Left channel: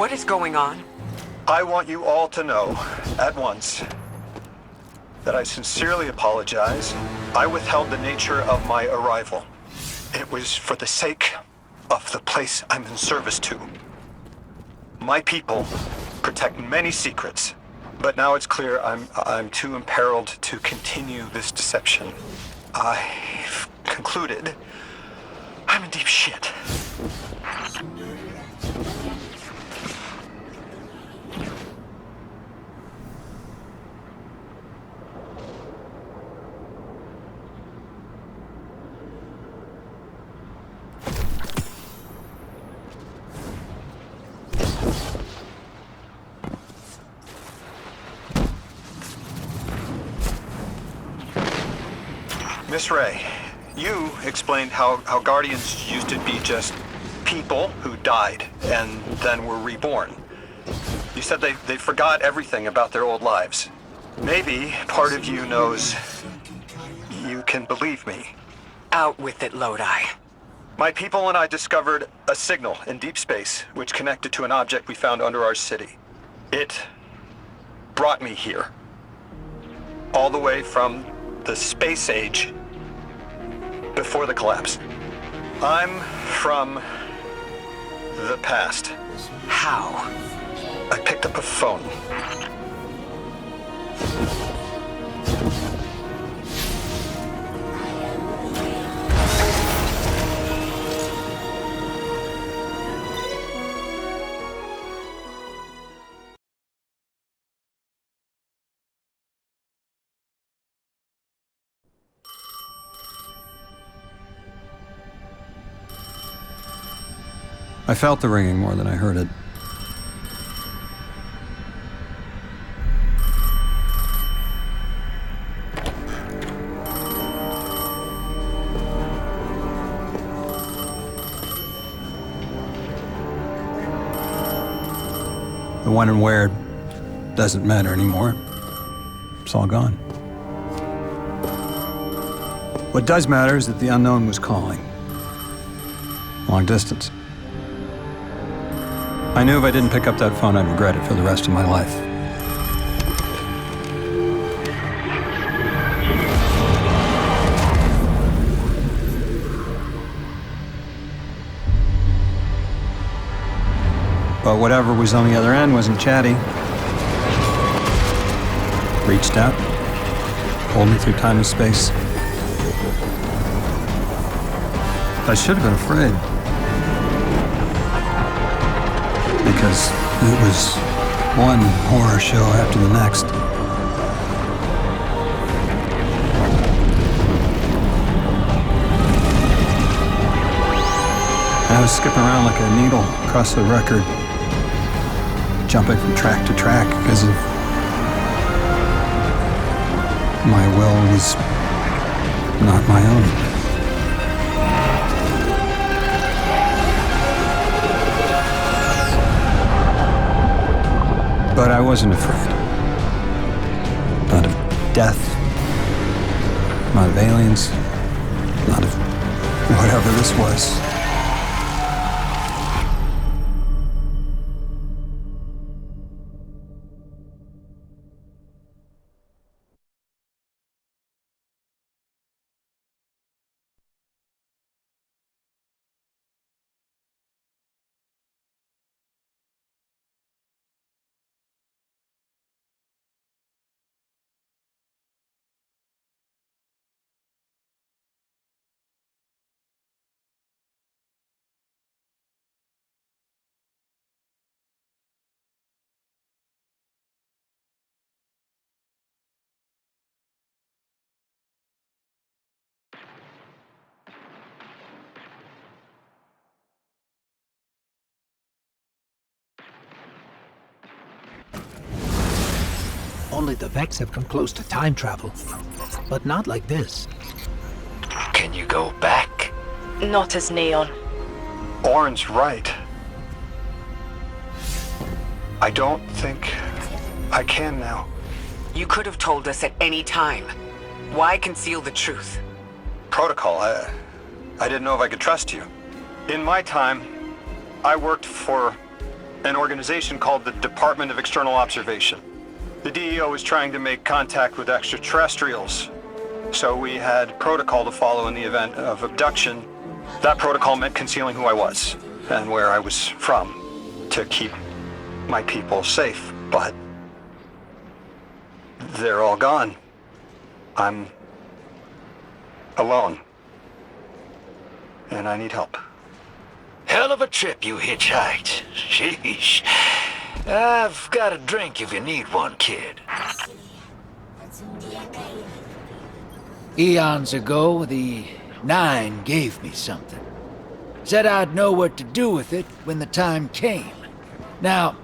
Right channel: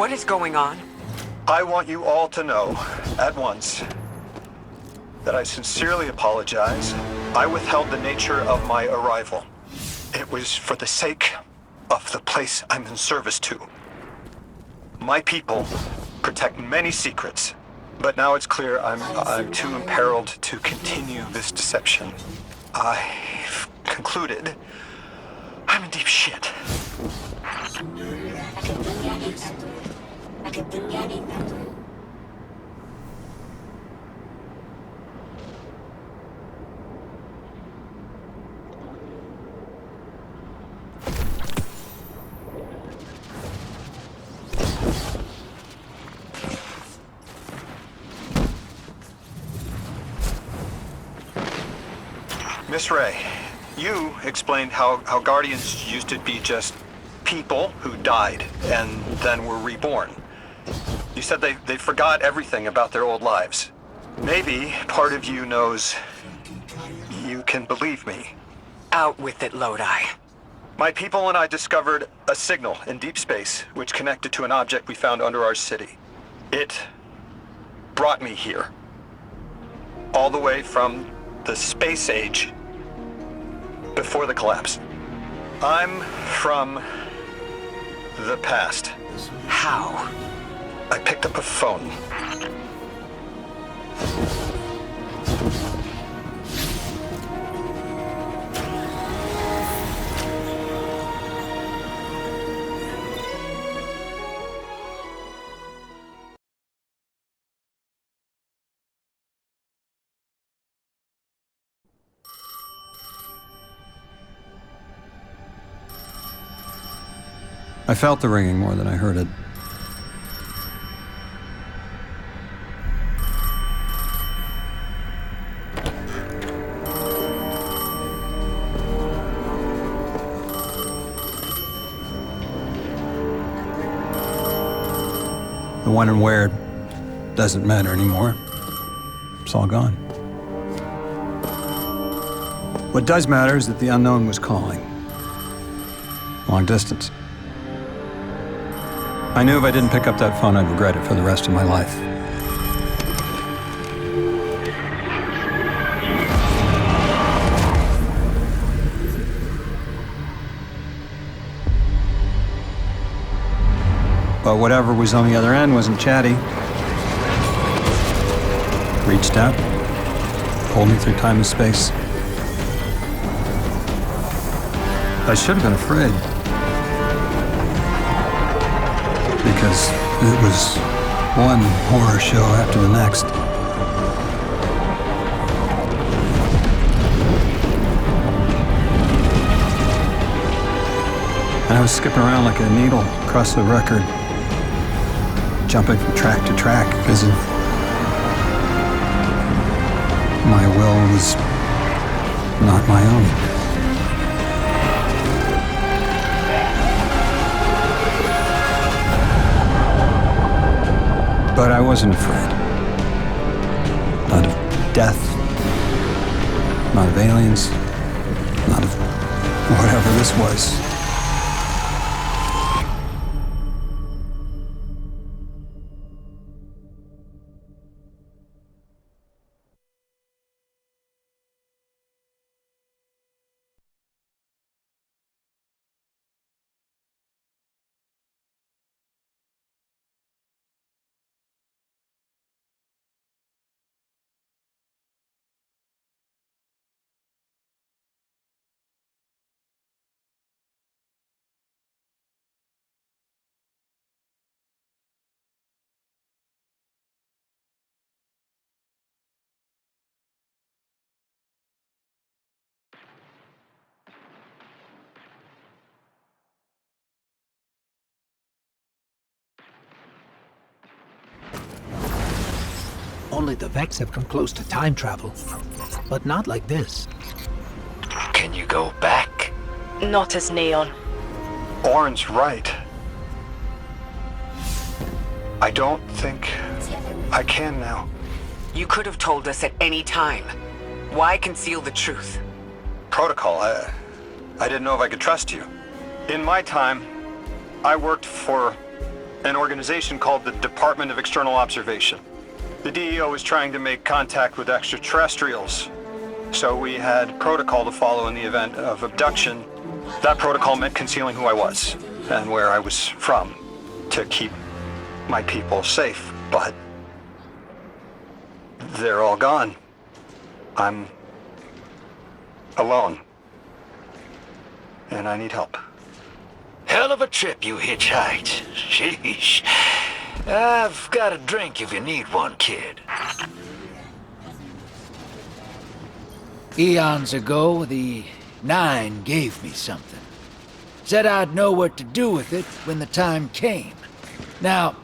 What is going on? I want you all to know, at once, that I sincerely apologize. I withheld the nature of my arrival. It was for the sake of the place I'm in service to. My people protect many secrets, but now it's clear I'm too imperiled to continue this deception. I've concluded I'm in deep shit. Miss Ray, you explained how Guardians used to be just people who died and then were reborn. You said they forgot everything about their old lives. Maybe part of you knows you can believe me. Out with it, Lodi. My people and I discovered a signal in deep space which connected to an object we found under our city. It brought me here. All the way from the space age before the collapse. I'm from the past. How? I picked up a phone. I felt the ringing more than I heard it. The when and where doesn't matter anymore. It's all gone. What does matter is that the unknown was calling. Long distance. I knew if I didn't pick up that phone, I'd regret it for the rest of my life. But whatever was on the other end wasn't chatty. Reached out, pulled me through time and space. I should have been afraid. Because it was one horror show after the next. And I was skipping around like a needle across the record, jumping from track to track because of my will was not my own. But I wasn't afraid. Not of death, not of aliens, not of whatever this was. Only the Vex have come close to time travel, but not like this. Can you go back? Not as Neon. Orin's right. I don't think I can now. You could have told us at any time. Why conceal the truth? Protocol. I didn't know if I could trust you. In my time, I worked for an organization called the Department of External Observation. The DEO was trying to make contact with extraterrestrials, so we had protocol to follow in the event of abduction. That protocol meant concealing who I was and where I was from to keep my people safe, but they're all gone. I'm alone, and I need help. Hell of a trip you hitchhiked. Sheesh. I've got a drink if you need one, kid. Eons ago, the Nine gave me something. Said I'd know what to do with it when the time came. Now,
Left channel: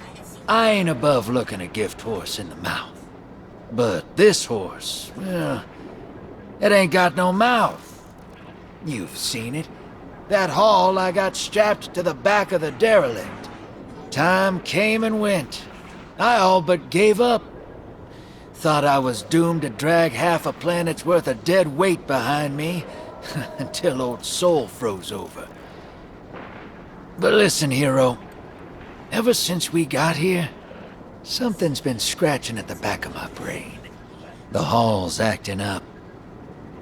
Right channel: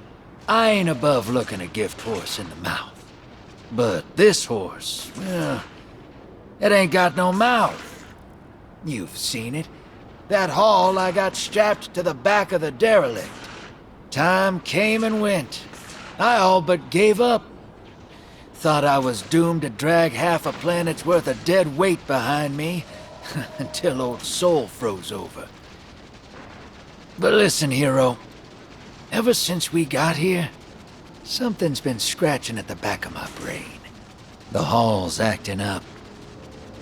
I ain't above looking a gift horse in the mouth. But this horse, well, it ain't got no mouth. You've seen it. That haul I got strapped to the back of the derelict. Time came and went. I all but gave up. Thought I was doomed to drag half a planet's worth of dead weight behind me until old Soul froze over. But listen, hero. Ever since we got here, something's been scratching at the back of my brain. The hall's acting up.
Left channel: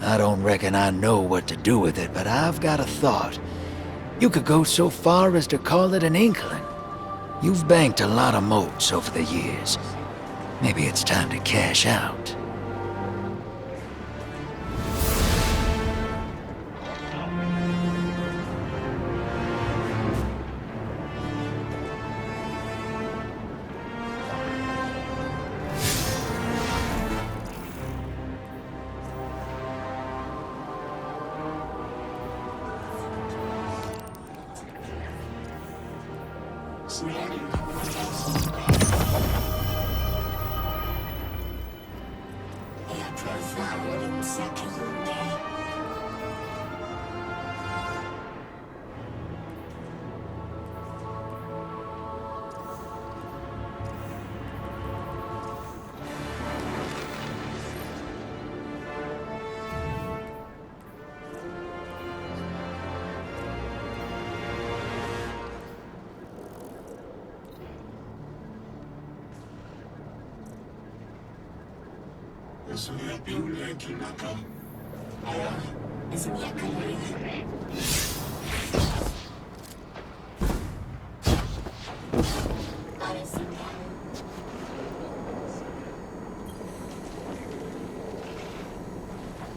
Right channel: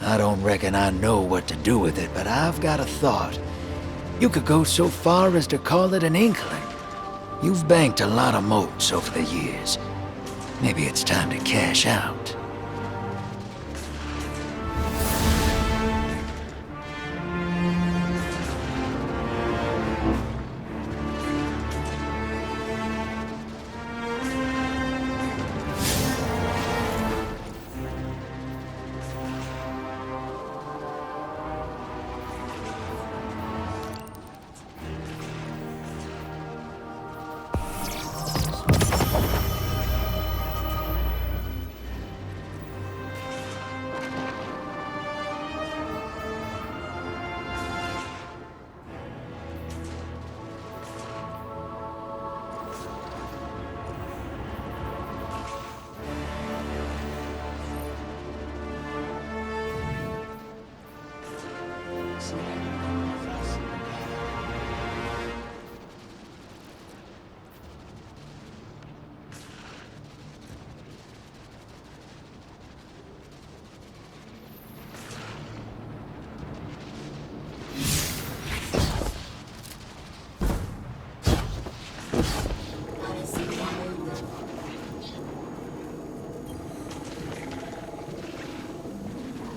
I don't reckon I know what to do with it, but I've got a thought. You could go so far as to call it an inkling. You've banked a lot of motes over the years. Maybe it's time to cash out.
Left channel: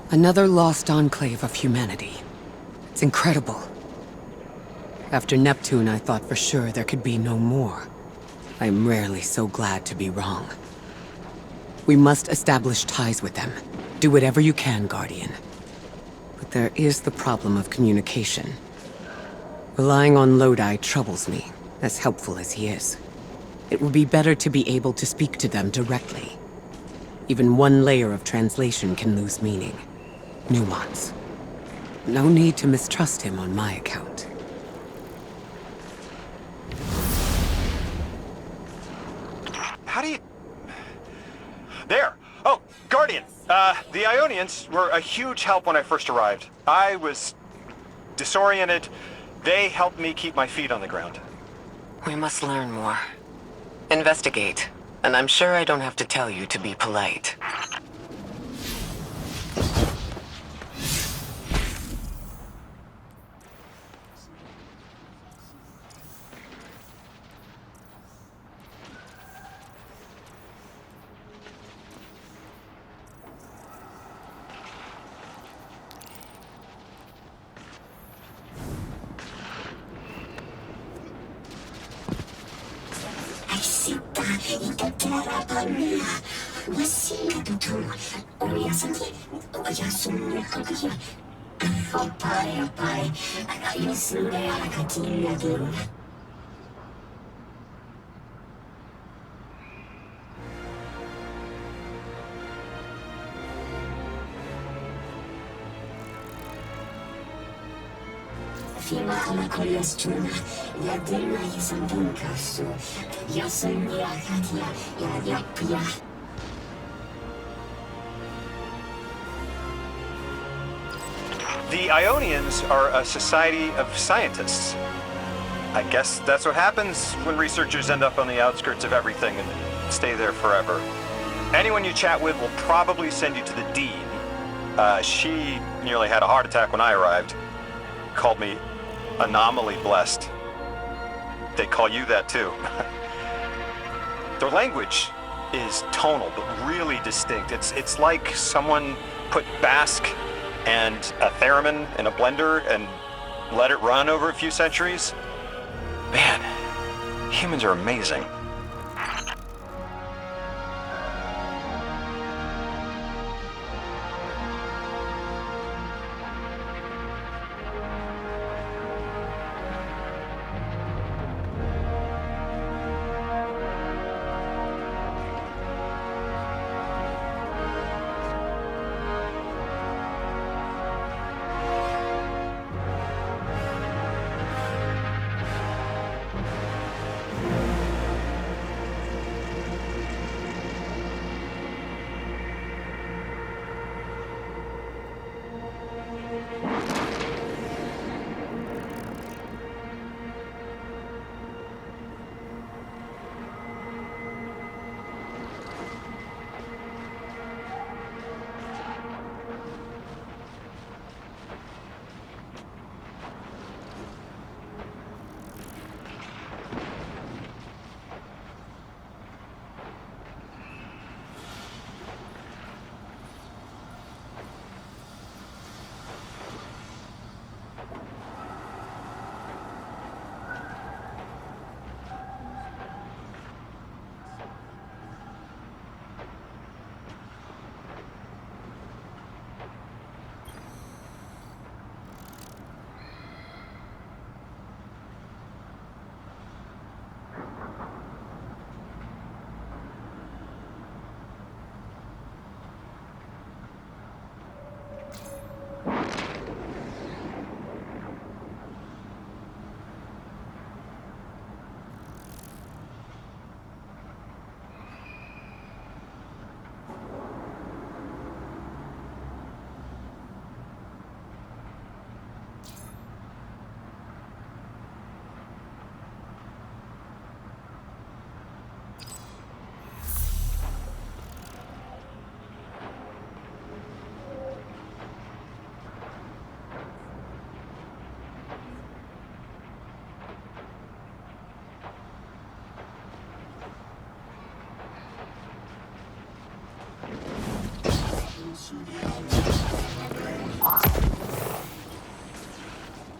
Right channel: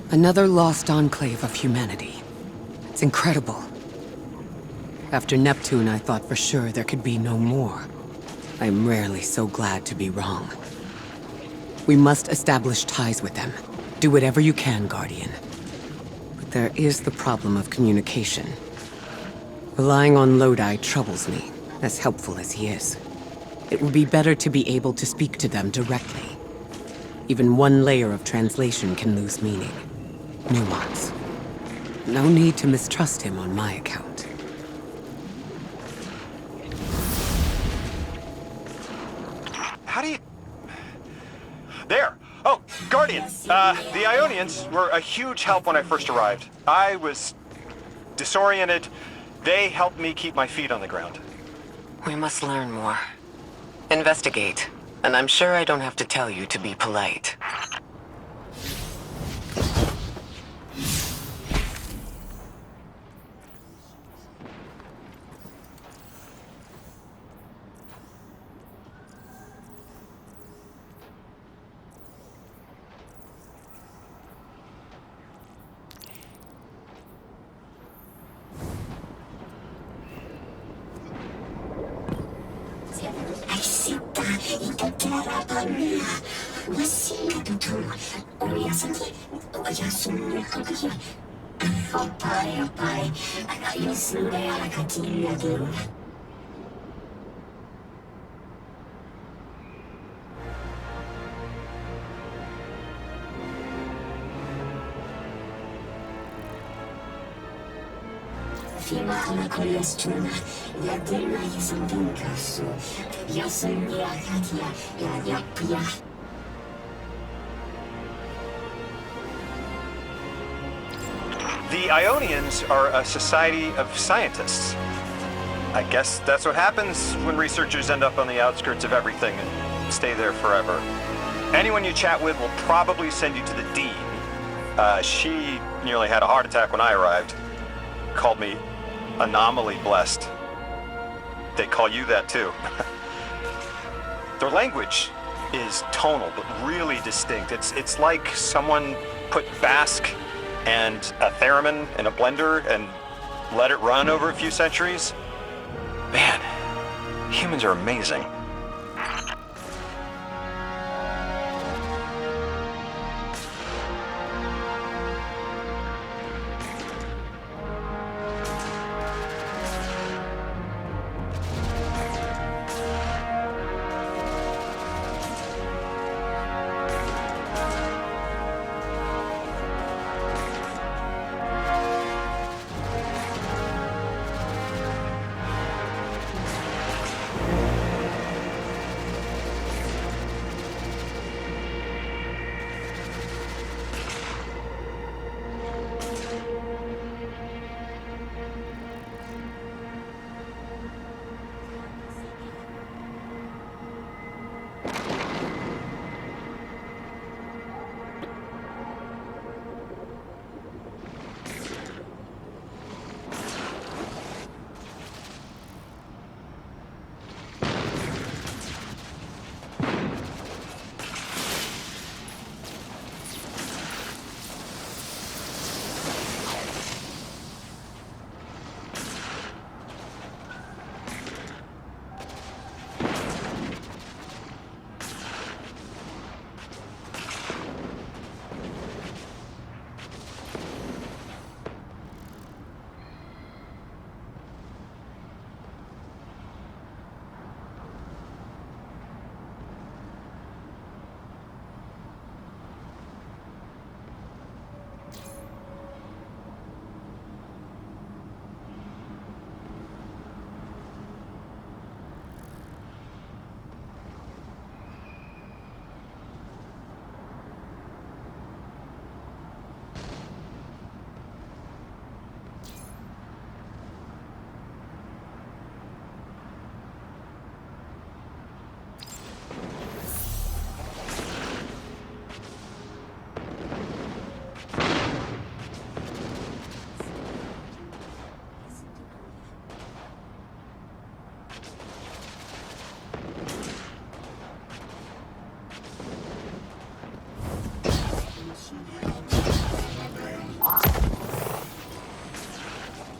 Another lost enclave of humanity. It's incredible. After Neptune, I thought for sure there could be no more. I'm rarely so glad to be wrong. We must establish ties with them. Do whatever you can, Guardian. But there is the problem of communication. Relying on Lodi troubles me, as helpful as he is. It would be better to be able to speak to them directly. Even one layer of translation can lose meaning. Nuance. No need to mistrust him on my account. How do you... There! Oh, Guardian! The Ionians were a huge help when I first arrived. I was disoriented. They helped me keep my feet on the ground. We must learn more. Investigate. And I'm sure I don't have to tell you to be polite. فيما أنا كل يستونا يدينا يسمون كاسو يسمي أكاتيا يديا The Ionians are a society of scientists. I guess that's what happens when researchers end up on the outskirts of everything and stay there forever. Anyone you chat with will probably send you to the Dean. She nearly had a heart attack when I arrived. Called me anomaly blessed. They call you that too. Their language is tonal, but really distinct. It's like someone put Basque and a theremin in a blender and let it run over a few centuries. Man, humans are amazing.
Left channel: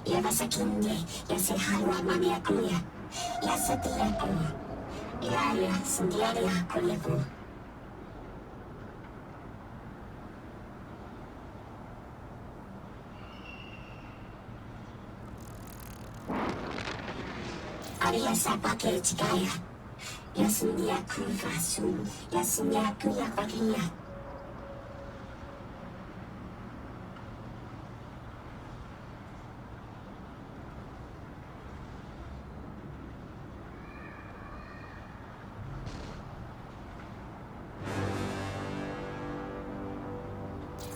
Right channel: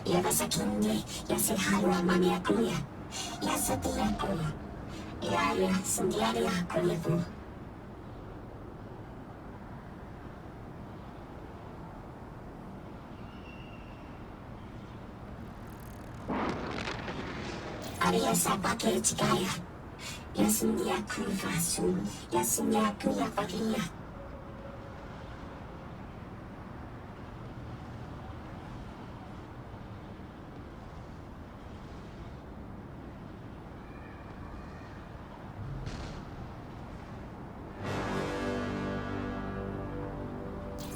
Yabasakinne, Yaseharwa Maniakuya, Yasatiaku, Ilaria, Sundiaria, Kulipu. Aria Sapake Chikaya, Yasundiaku Fasun, Yasundiaku Yapakia.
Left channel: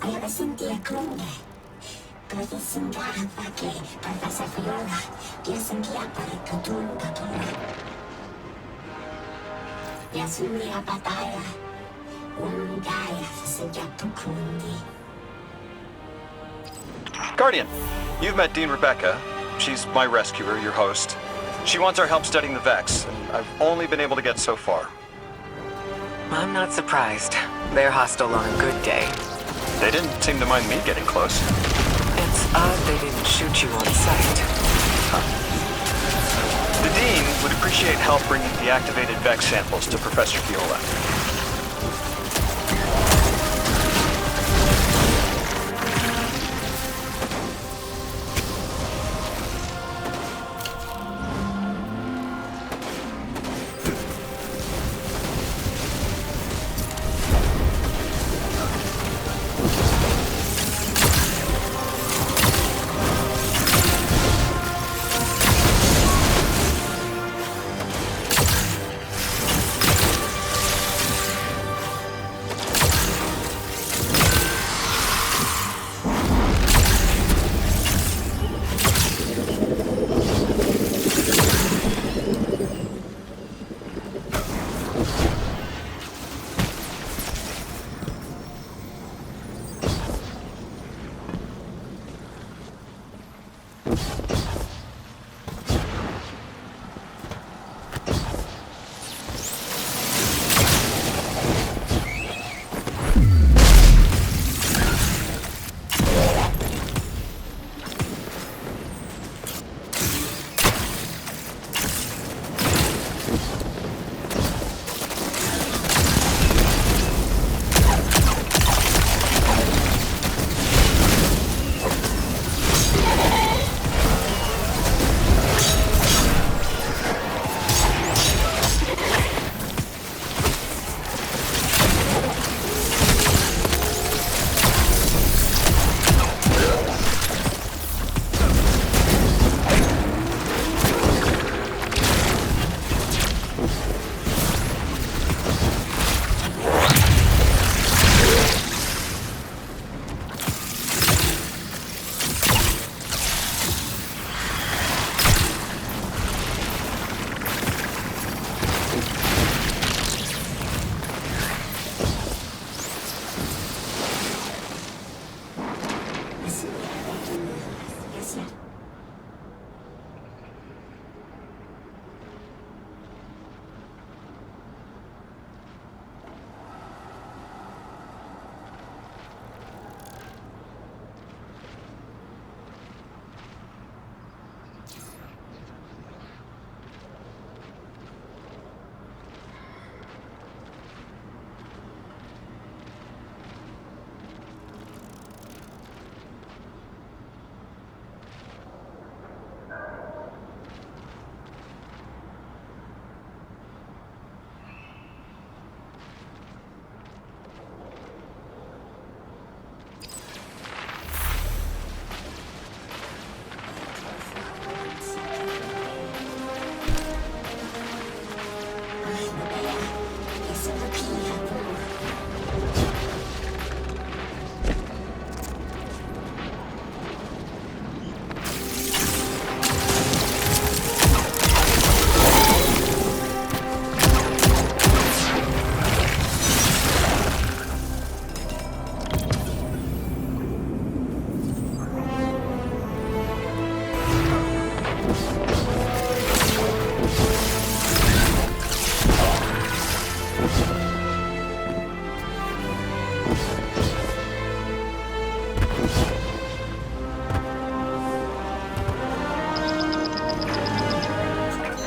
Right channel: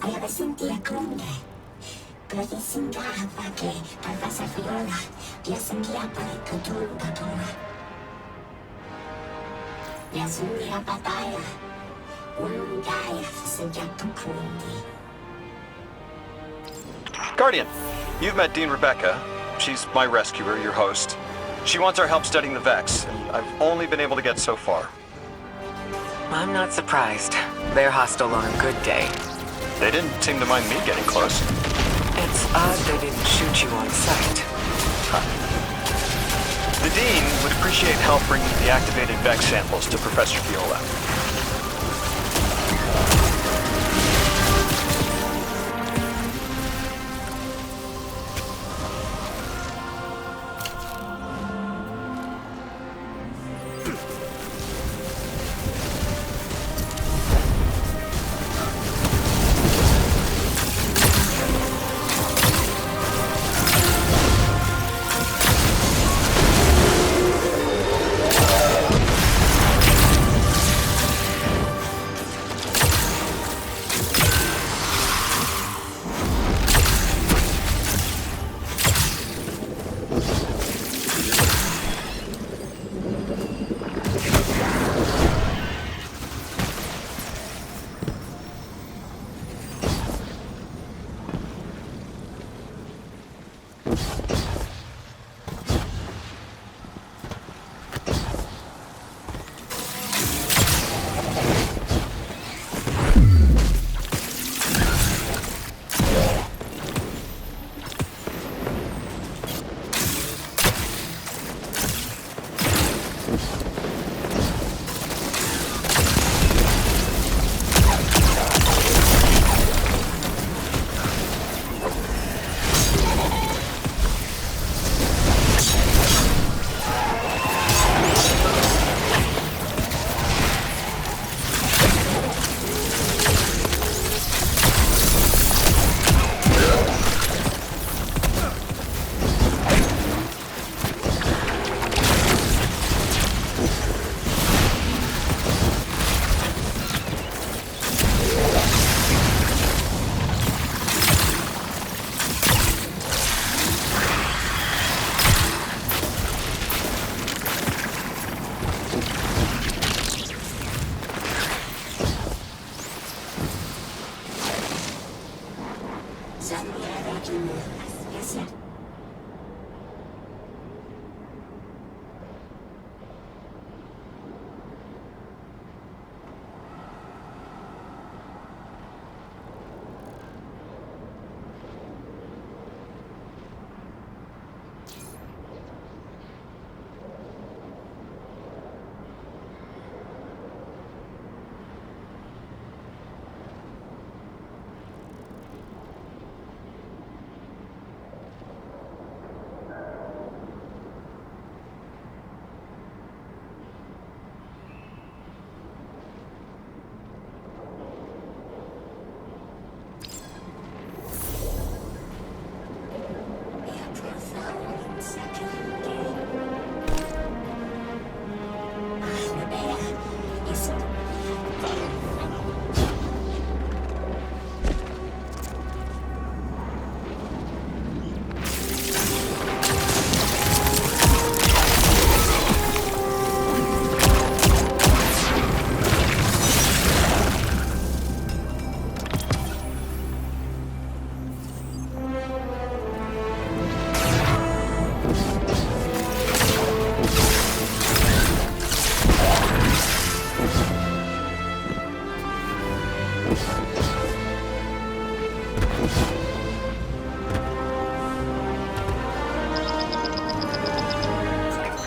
Ayabasintiakunde, Prodisinga Hapake, Professor Fiola, Yasungia Parikutunga Tora. Yasungia Pataya, Ungaya Sejatukundi. Guardian, you've met Dean Rebecca. She's my rescuer, your host. She wants our help studying the Vex, and I've only been able to get so far. I'm not surprised. They're hostile on a good day. They didn't seem to mind me getting close. It's odd they didn't shoot you on sight. The Dean would appreciate help bringing the activated Vex samples to Professor Viola.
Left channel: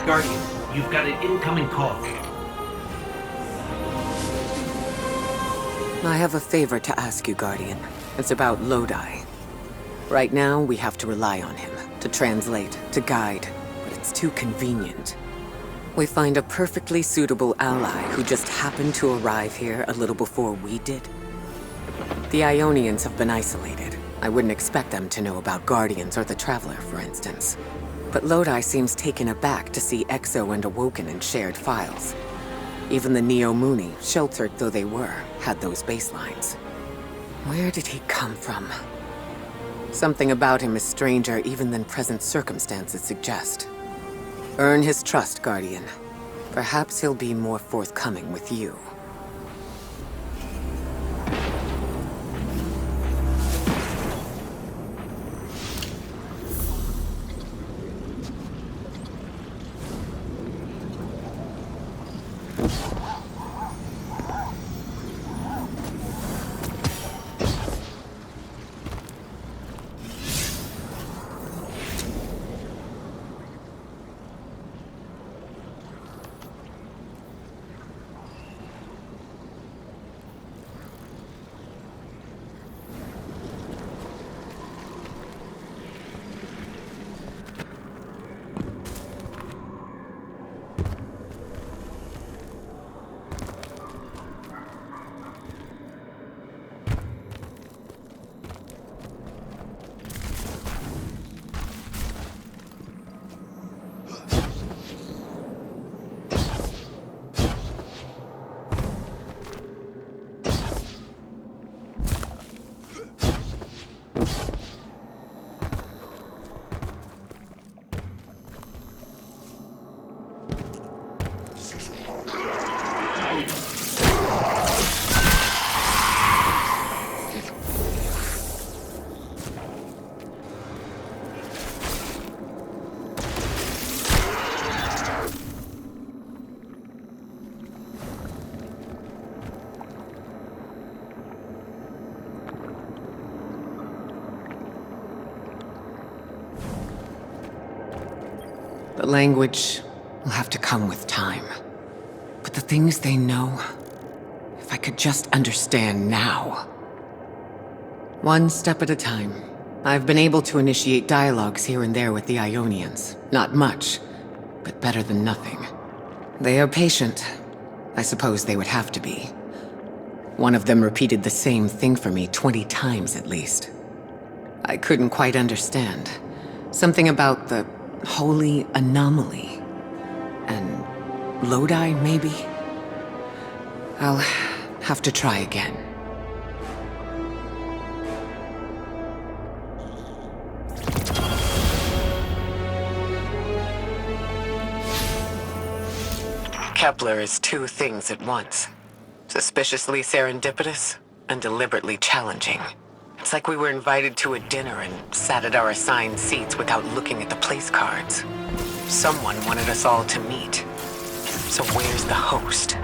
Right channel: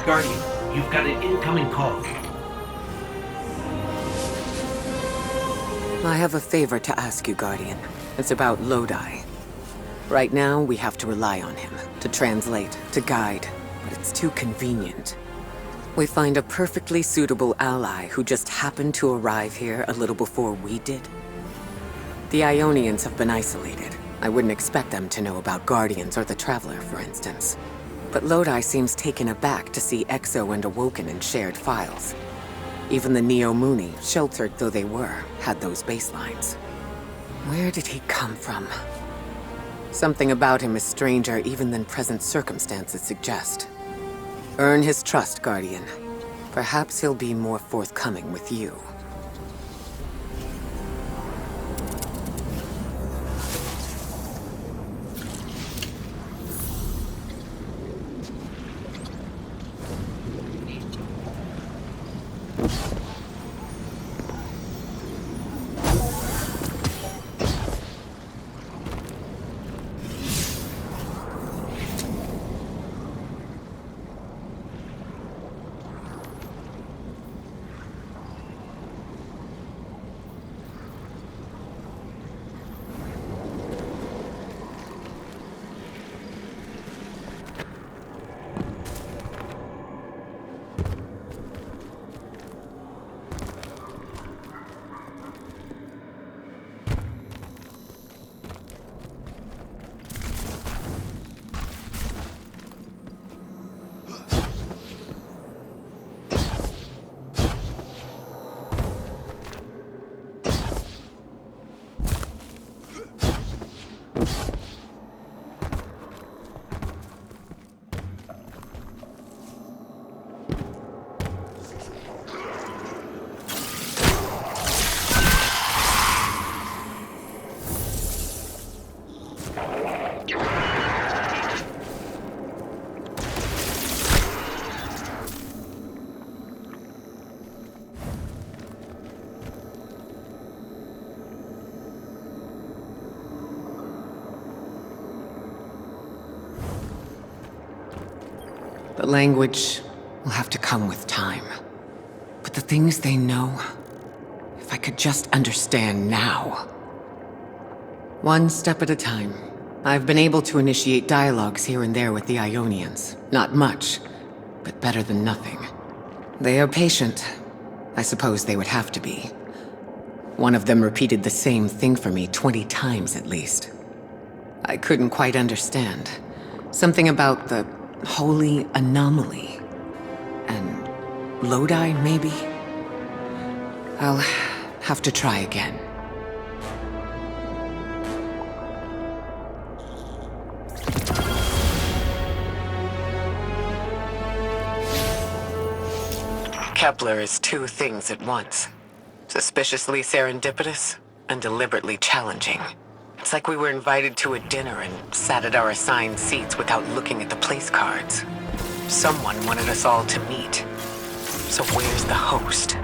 Guardian, you've got an incoming call. I have a favor to ask you, Guardian. It's about Lodi. Right now, we have to rely on him, to translate, to guide, but it's too convenient. We find a perfectly suitable ally who just happened to arrive here a little before we did. The Ionians have been isolated. I wouldn't expect them to know about Guardians or the Traveler, for instance. But Lodi seems taken aback to see Exo and Awoken in shared files. Even the Neo Mooney, sheltered though they were, had those baselines. Where did he come from? Something about him is stranger even than present circumstances suggest. Earn his trust, Guardian. Perhaps he'll be more forthcoming with you. The language will have to come with time. But the things they know, if I could just understand now. One step at a time. I've been able to initiate dialogues here and there with the Ionians. Not much, but better than nothing. They are patient. I suppose they would have to be. One of them repeated the same thing for me 20 times at least. I couldn't quite understand. Something about the holy anomaly. And Lodi, maybe? I'll have to try again. Kepler is two things at once. Suspiciously serendipitous and deliberately challenging. It's like we were invited to a dinner and sat at our assigned seats without looking at the place cards. Someone wanted us all to meet. So where's the host?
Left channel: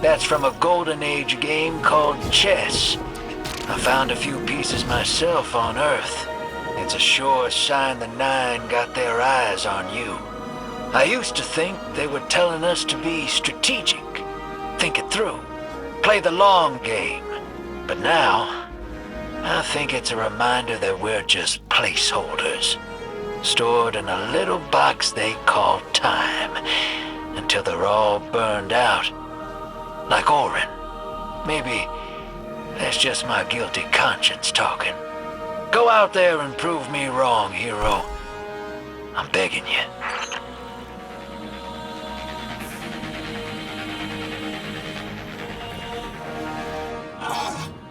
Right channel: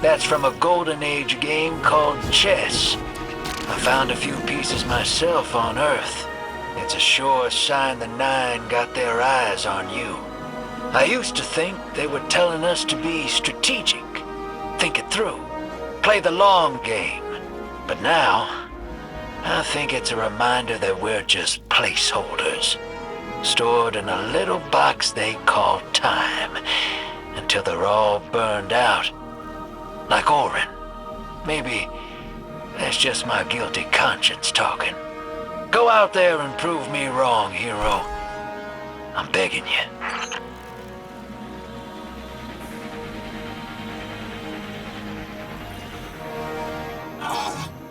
That's from a Golden Age game called chess. I found a few pieces myself on Earth. It's a sure sign the Nine got their eyes on you. I used to think they were telling us to be strategic, think it through, play the long game. But now, I think it's a reminder that we're just placeholders, stored in a little box they call time, until they're all burned out. Like Orin. Maybe that's just my guilty conscience talking. Go out there and prove me wrong, hero. I'm begging you.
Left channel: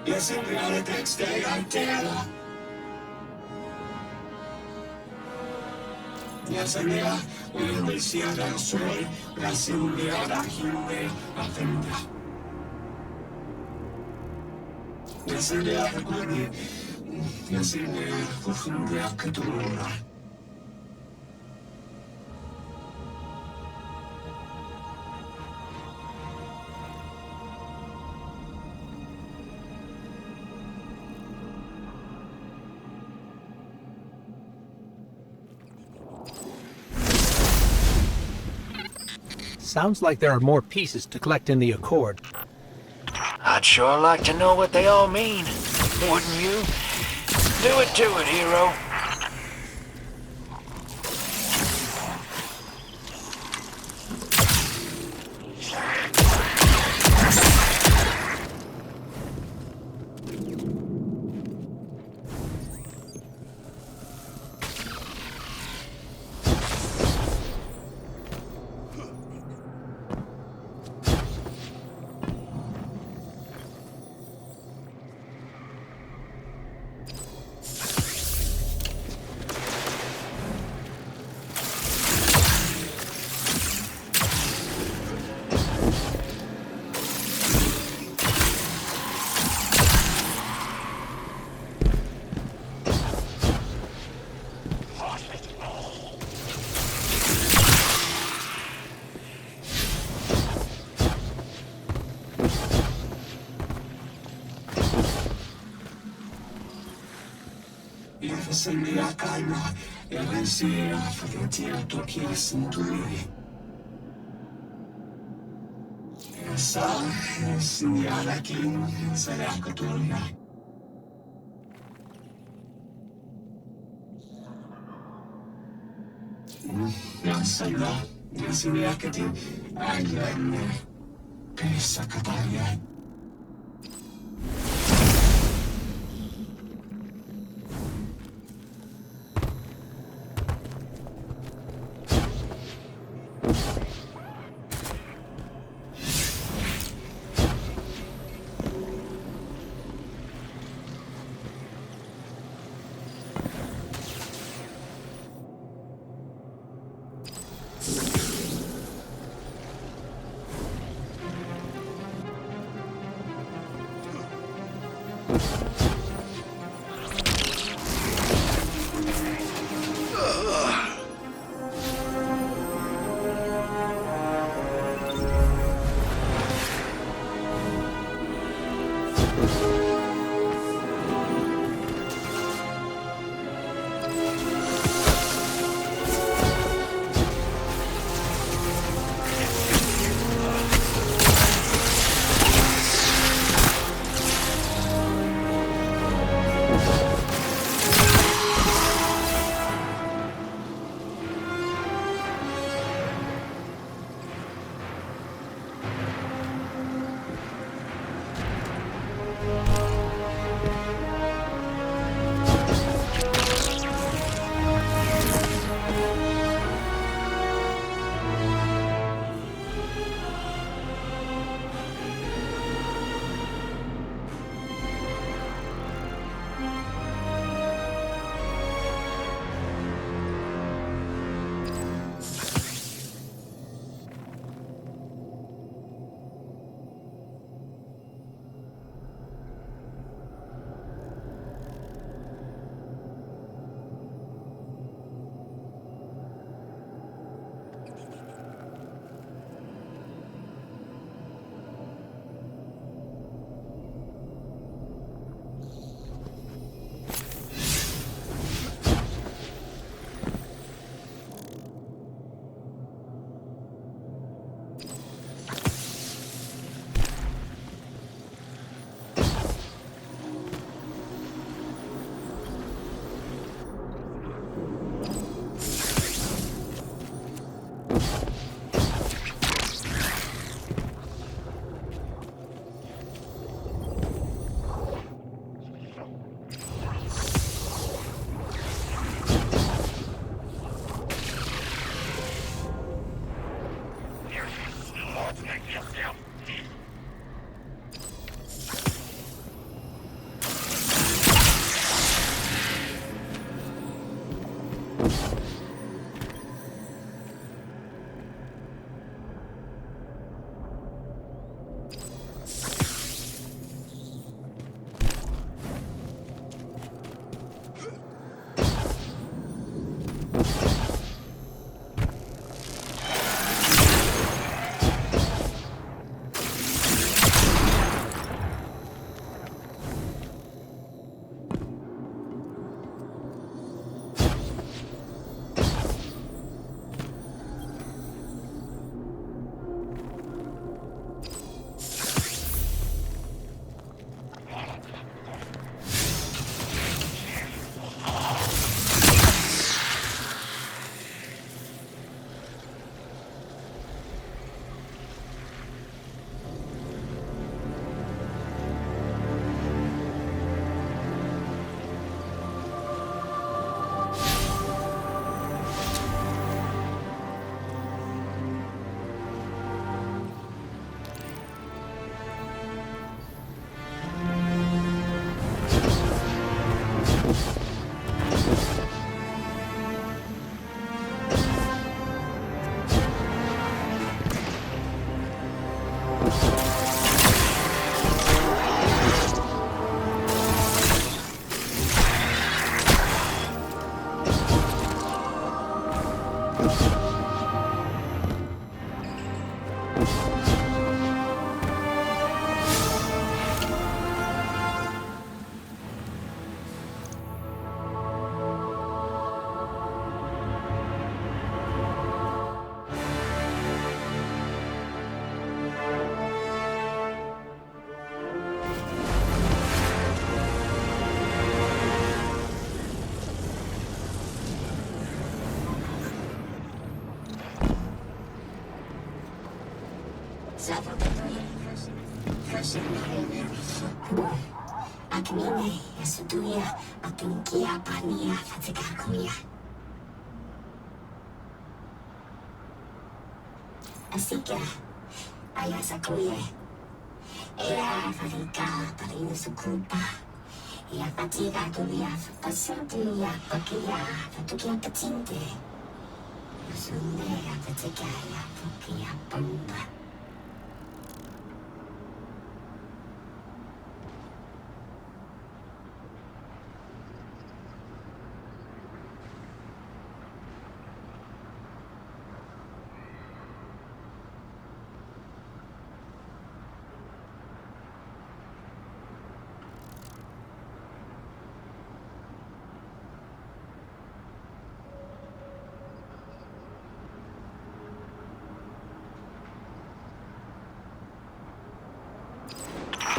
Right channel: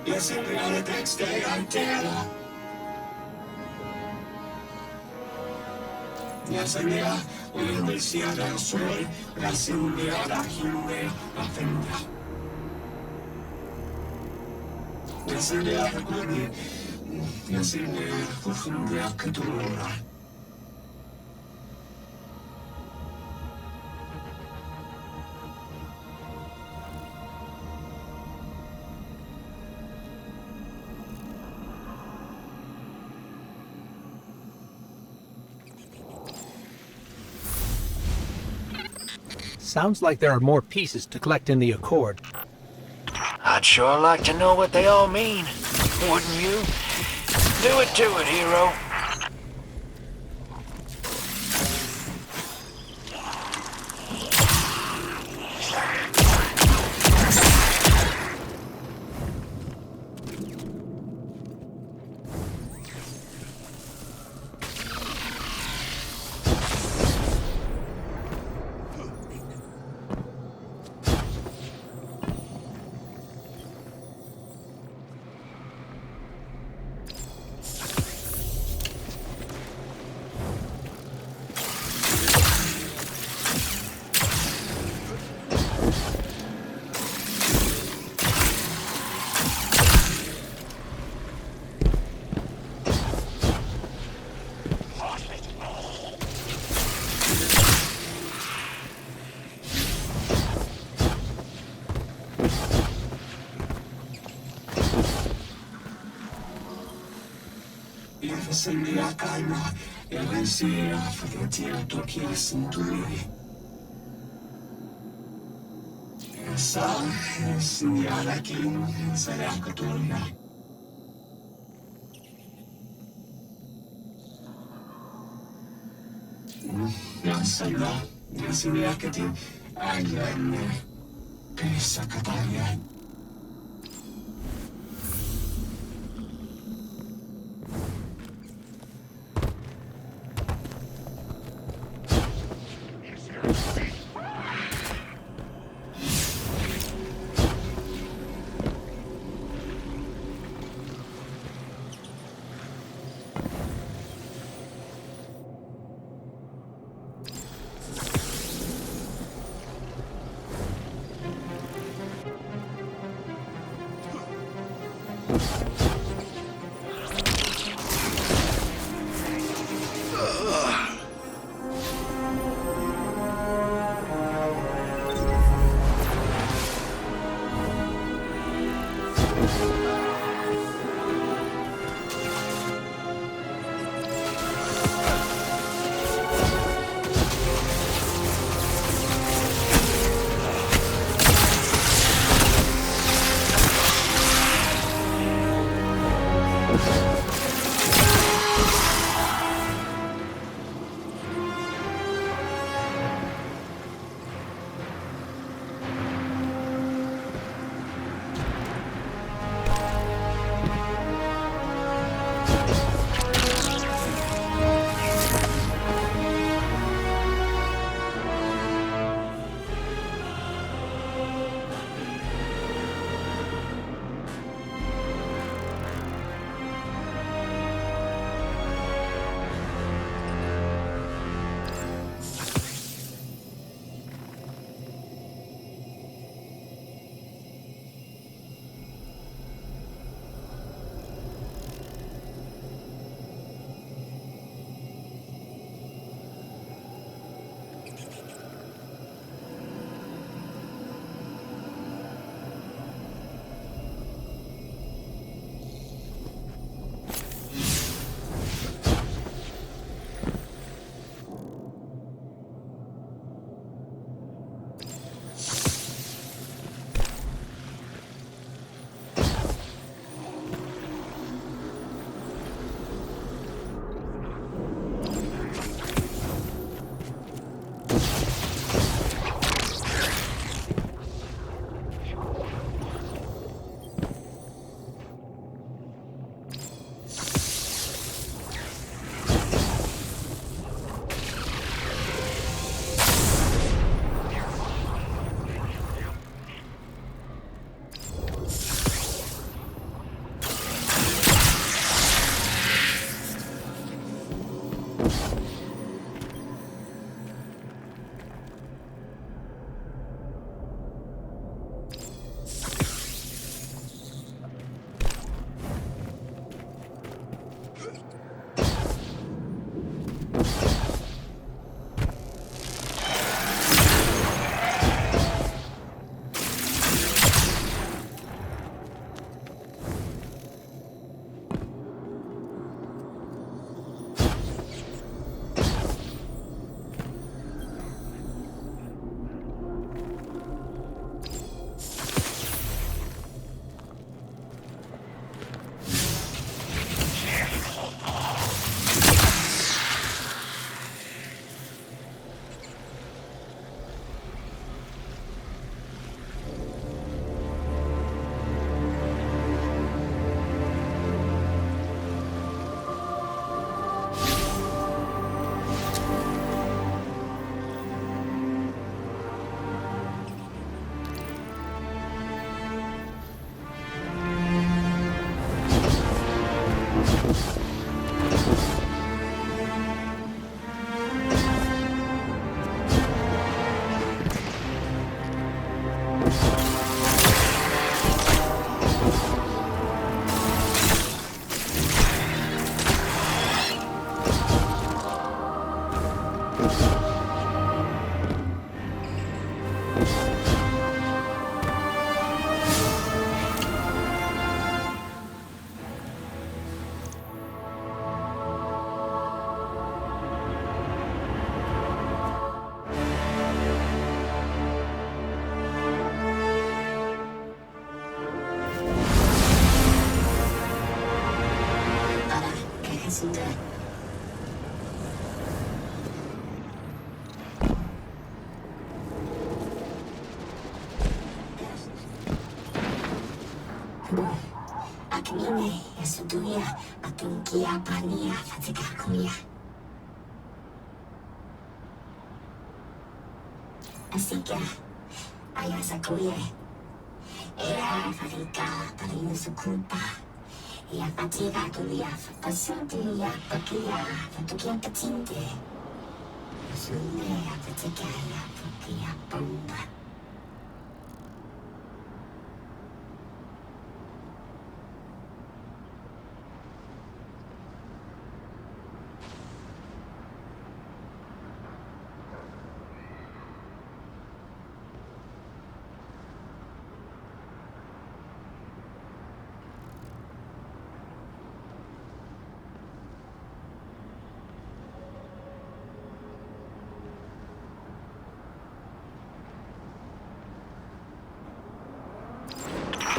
Yes, in the next day I'm dead. Yes, I know. We will see that story. That's in the other hero. Nothing. Yes, I know. Yes, I know. Nothing. I could do it. Sounds like there are more pieces to collect in the Accord. I'd sure like to know what they all mean. Wouldn't you? Do it to it, hero. Send a calma e pensiero fatti a tocchi a sentire. E sa, segnala che sarà cattolica. Non sai là, non si vede che ti hai che sa catania. Aking ingay, suduya, aking kiyapan niya at sikakuya. Asika, ayasa kuya. Ea farika, parinusukupa. Ia patiga kuya, pasuduya, pakia, patukia patinte. Sunde, patikaya, pakia, pamba.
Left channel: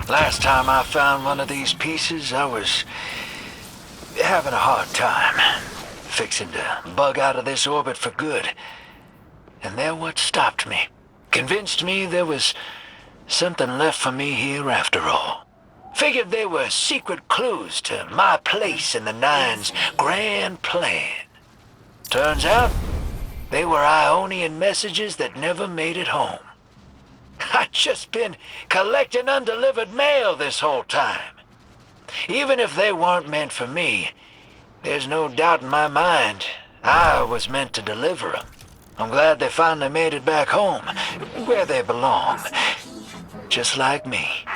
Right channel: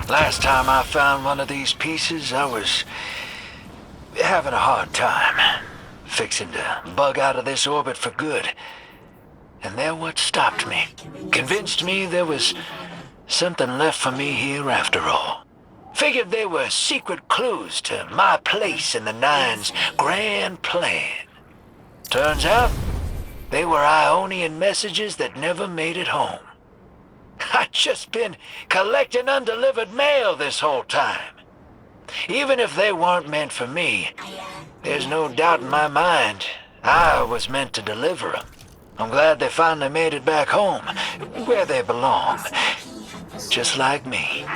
Last time I found one of these pieces, I was having a hard time. Fixing to bug out of this orbit for good. And they're what stopped me. Convinced me there was something left for me here after all. Figured they were secret clues to my place in the Nine's grand plan. Turns out, they were Ionian messages that never made it home. I've just been collecting undelivered mail this whole time. Even if they weren't meant for me, there's no doubt in my mind I was meant to deliver them. I'm glad they finally made it back home, where they belong. Just like me.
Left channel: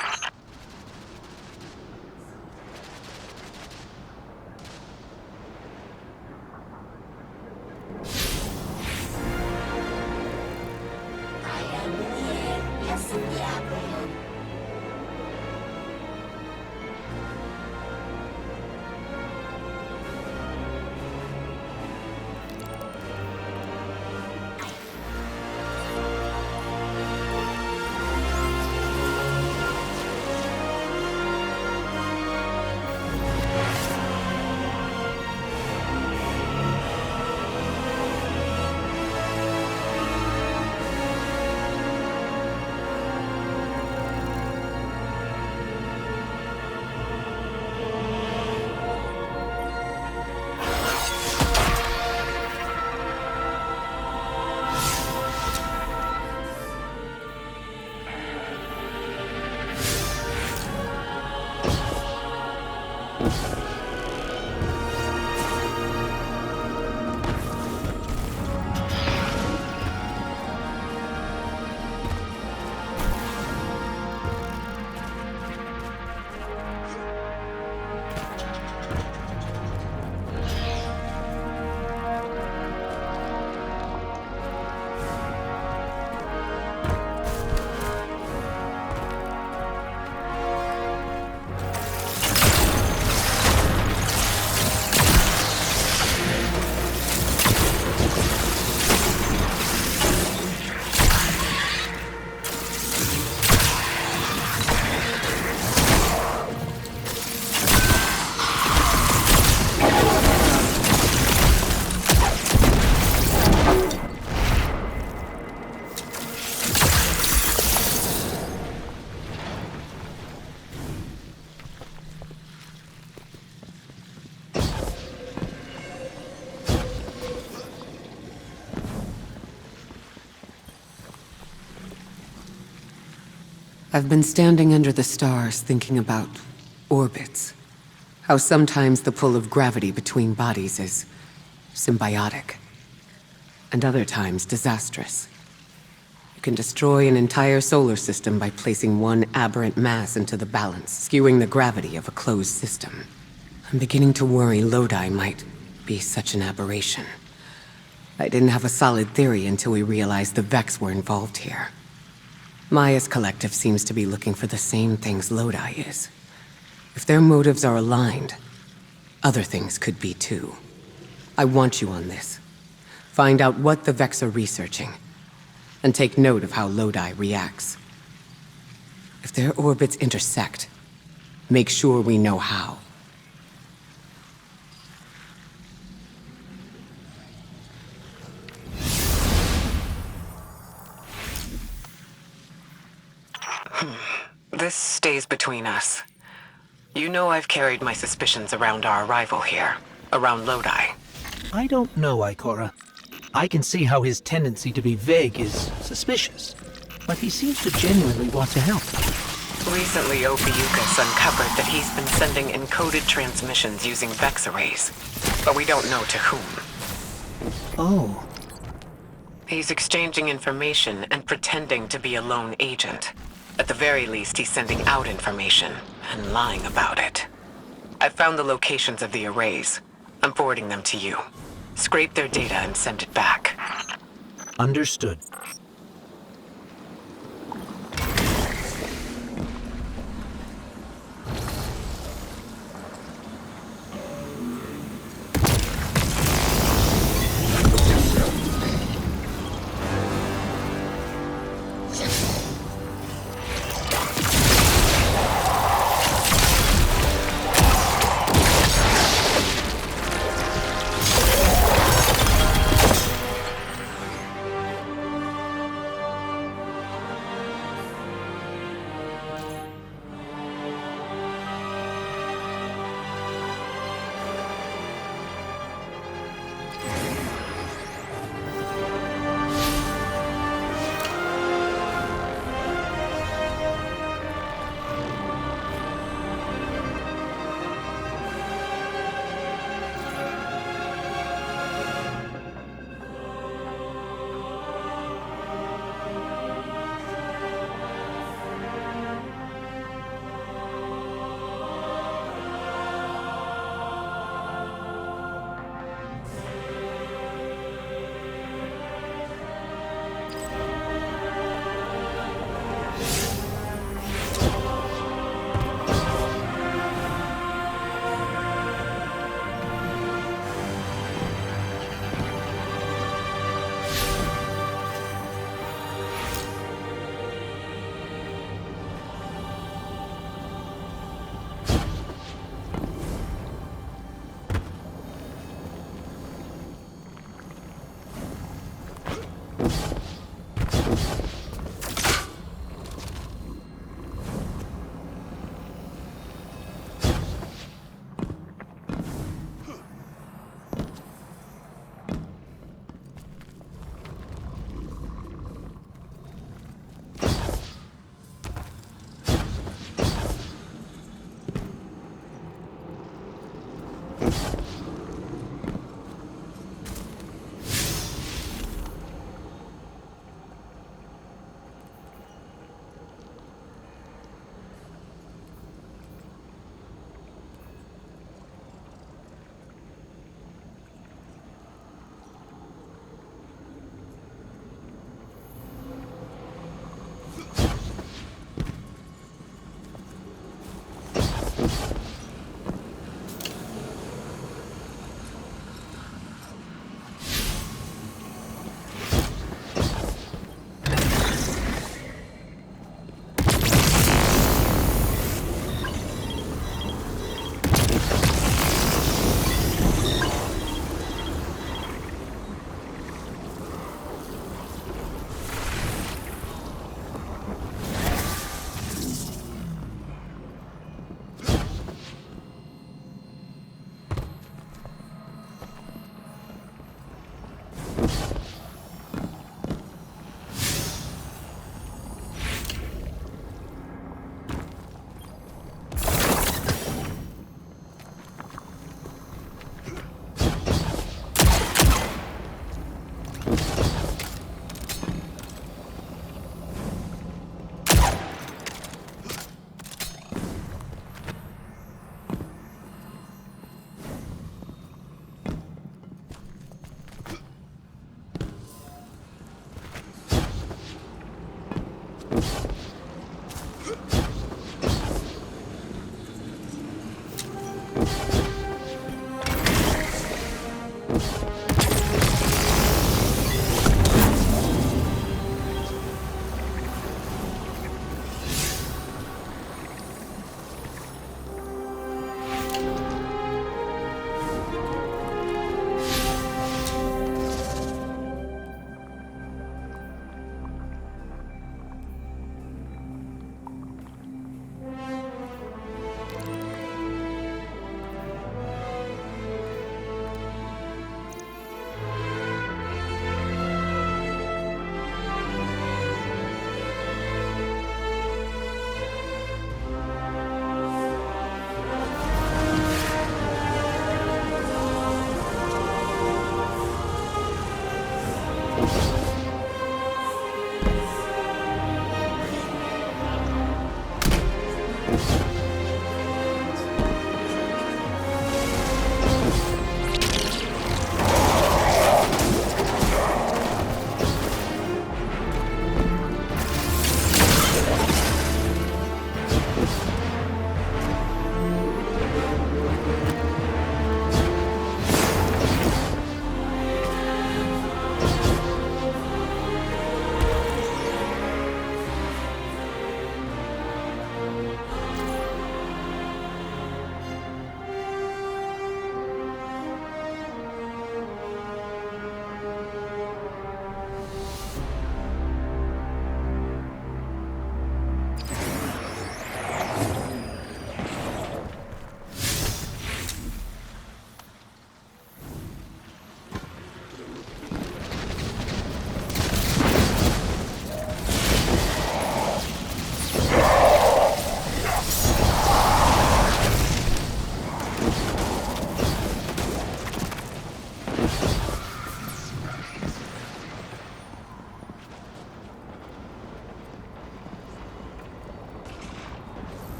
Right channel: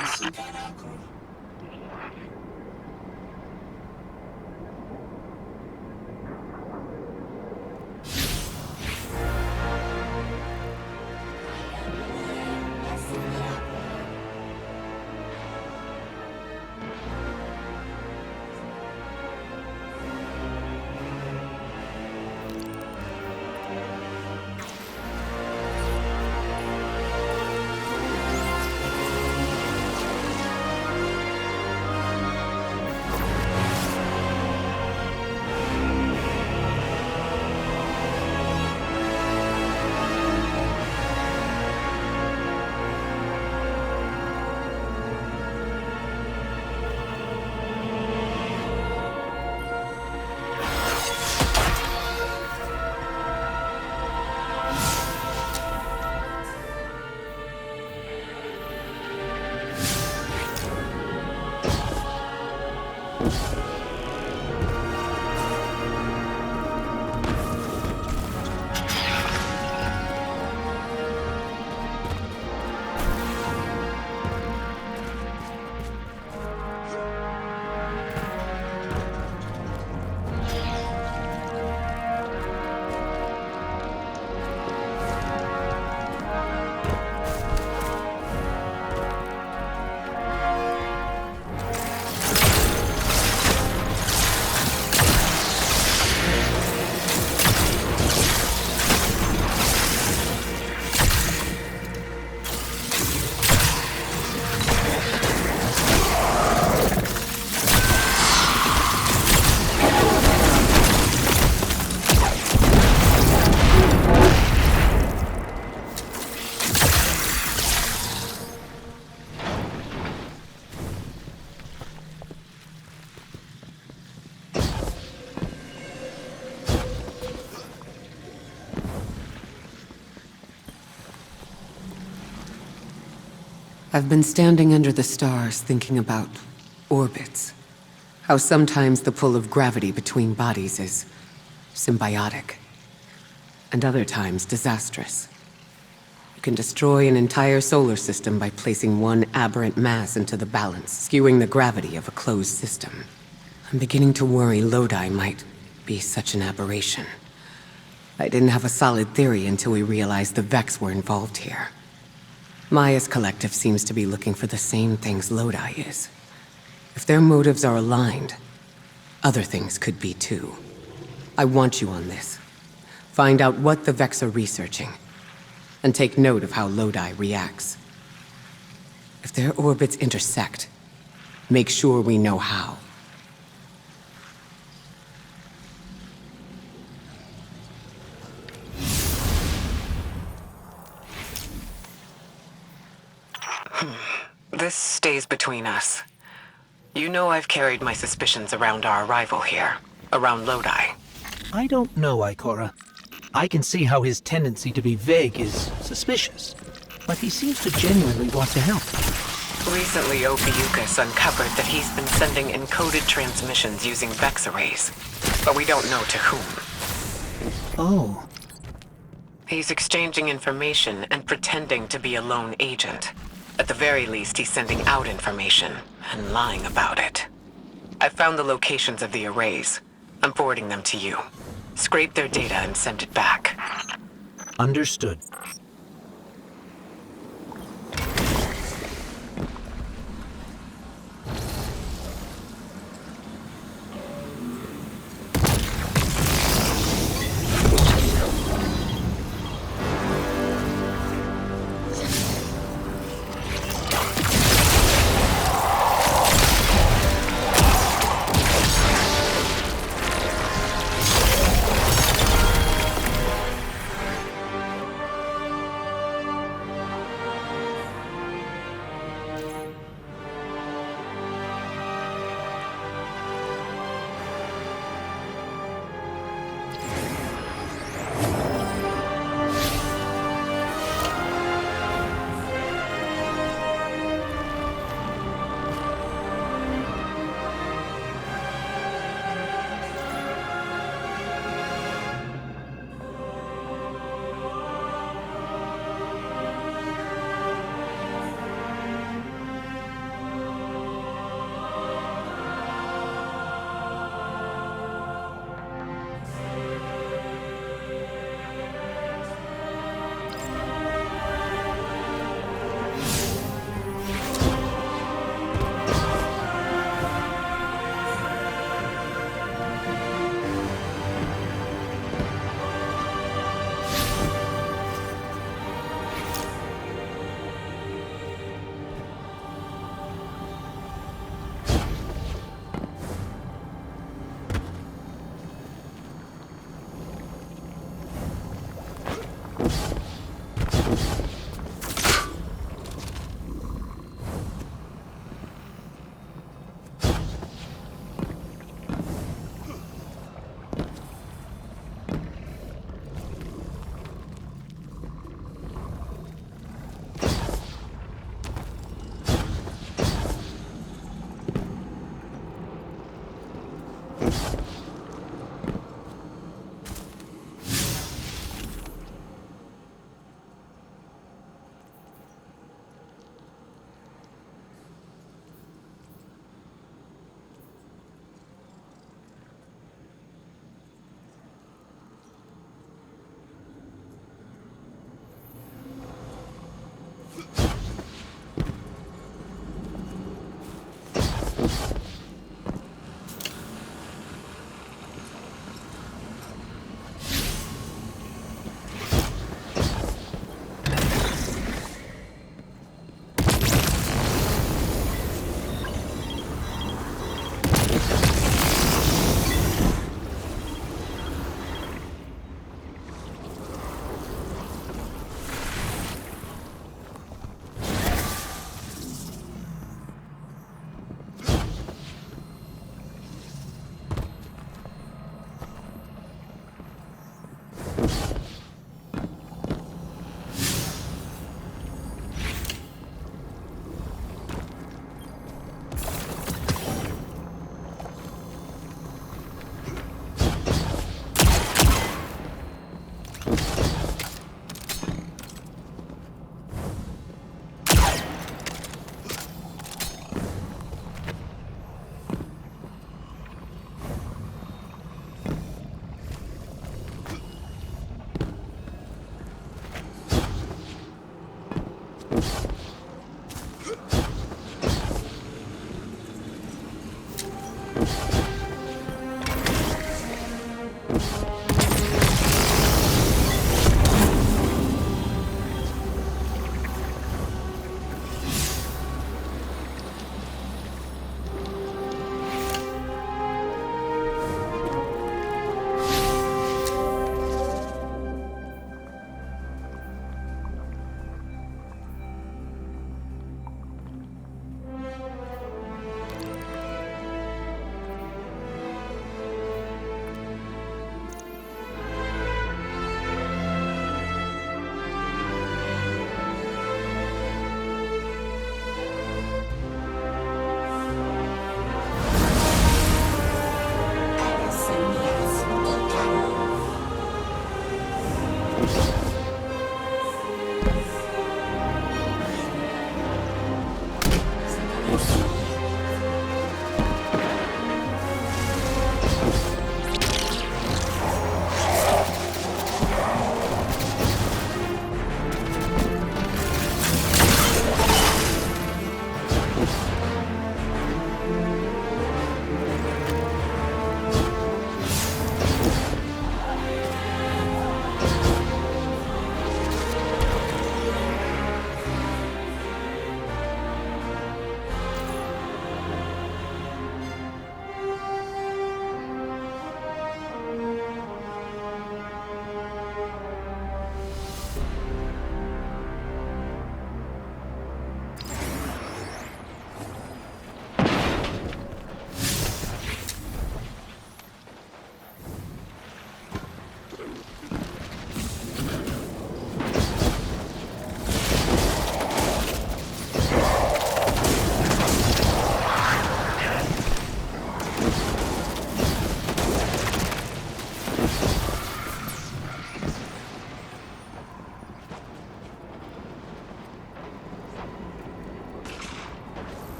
I've been standing under the stars thinking about orbits. How sometimes the pull of gravity between bodies is symbiotic, and other times disastrous. You can destroy an entire solar system by placing one aberrant mass into the balance, skewing the gravity of a closed system. I'm beginning to worry Lodi might be such an aberration. I didn't have a solid theory until we realized the Vex were involved here. Maya's collective seems to be looking for the same things Lodi is. If their motives are aligned, other things could be too. I want you on this. Find out what the Vex are researching, and take note of how Lodi reacts. If their orbits intersect, make sure we know how. This stays between us. You know I've carried my suspicions around our arrival here, around Lodi. I don't know, Ikora. I can see how his tendency to be vague is suspicious, but he seems to genuinely want to help. Recently, Ophiuchus uncovered that he's been sending encoded transmissions using Vex arrays, but we don't know to whom. Oh, He's exchanging information and pretending to be a lone agent. At the very least, he's sending out information and lying about it. I've found the locations of the arrays. I'm forwarding them to you. Scrape their data and send it back. understood.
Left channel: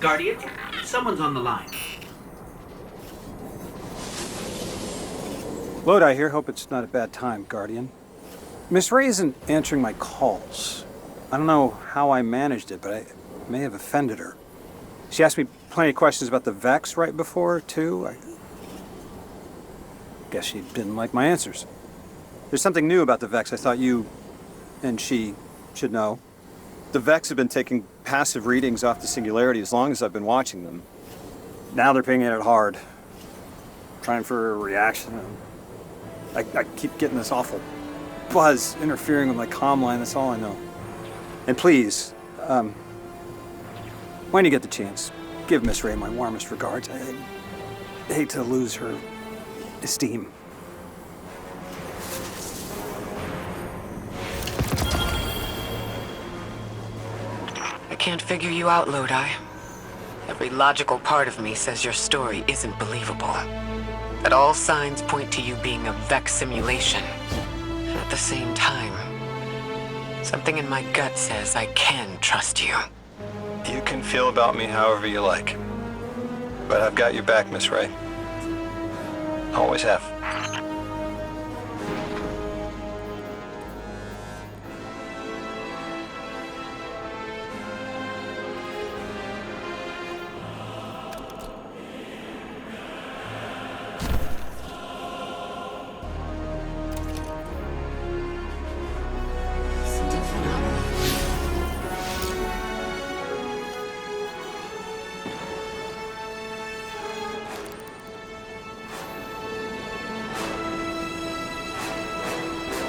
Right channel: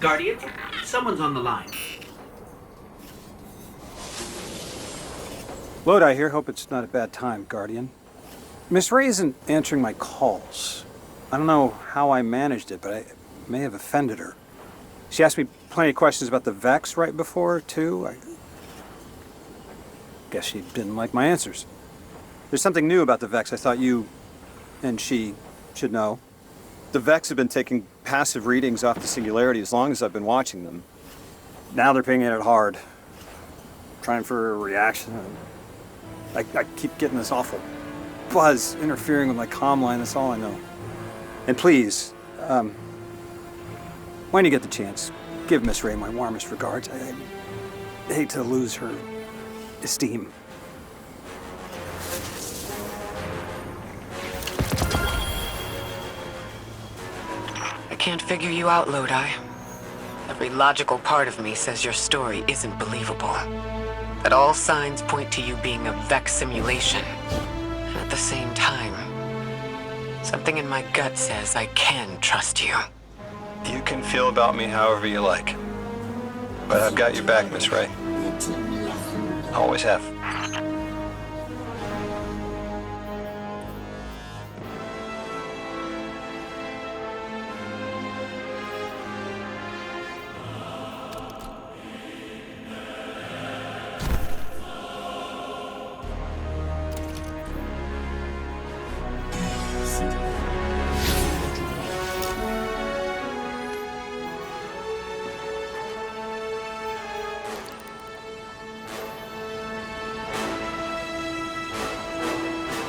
Guardian, someone's on the line. Lodi here. Hope it's not a bad time, Guardian. Miss Ray isn't answering my calls. I don't know how I managed it, but I may have offended her. She asked me plenty of questions about the Vex right before, too. I guess she didn't like my answers. There's something new about the Vex I thought you and she should know. The Vex have been taking passive readings off the Singularity as long as I've been watching them. Now they're pinging it hard. Trying for a reaction. I keep getting this awful buzz interfering with my comm line. That's all I know. And please, when you get the chance, give Miss Ray my warmest regards. I hate to lose her esteem. I can't figure you out, Lodi. Every logical part of me says your story isn't believable. That all signs point to you being a Vex simulation. And at the same time, something in my gut says I can trust you. You can feel about me however you like. But I've got your back, Miss Ray. Always have. Center